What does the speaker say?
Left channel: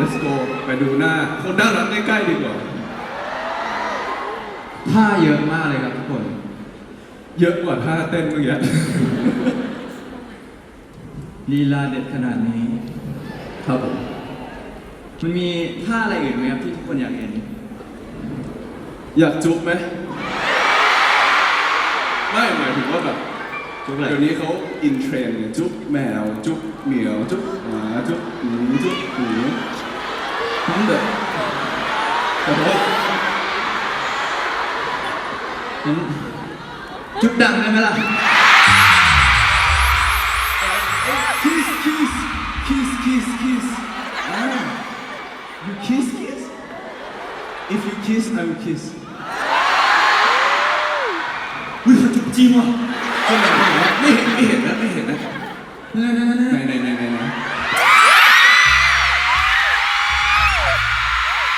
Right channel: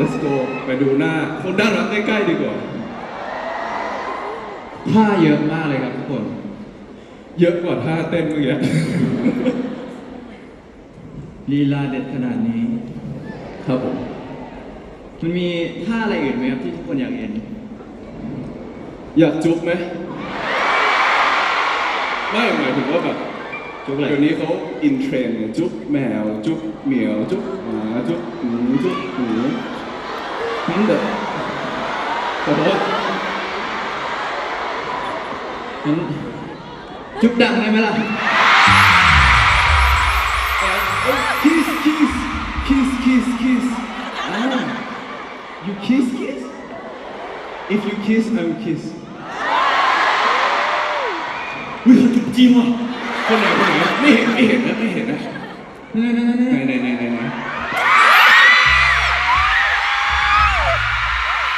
let's go ไปดูหน้าคนน่ารักใกล้ๆดีกว่า ท่าเยอะมากเลยครับทุกคน เยอะกว่าท่าเต้นเมื่อกี้ ลีลาเด็ดขนาดนี้ครับผมมันมีท่าอะไรอื่นไหมครับที่ทุกคนอยากเห็น อยากจุ๊บไหมไม่หมายถึงว่าแบบ จุ๊บอะไร เดี๋ยวนี้เขาอินเทรนด์ไงจุ๊บแมวจุ๊บเหมียวจุ๊บหมาจุ๊บหมูจุ๊บหมูทั้งเด็กแต่ว่า จุ๊บดังได้ไหมล่ะ kiss kiss kiss kiss kiss you kiss kiss if you kiss I will kiss วิเขาจุ๊บจริงว่ะ คนไหน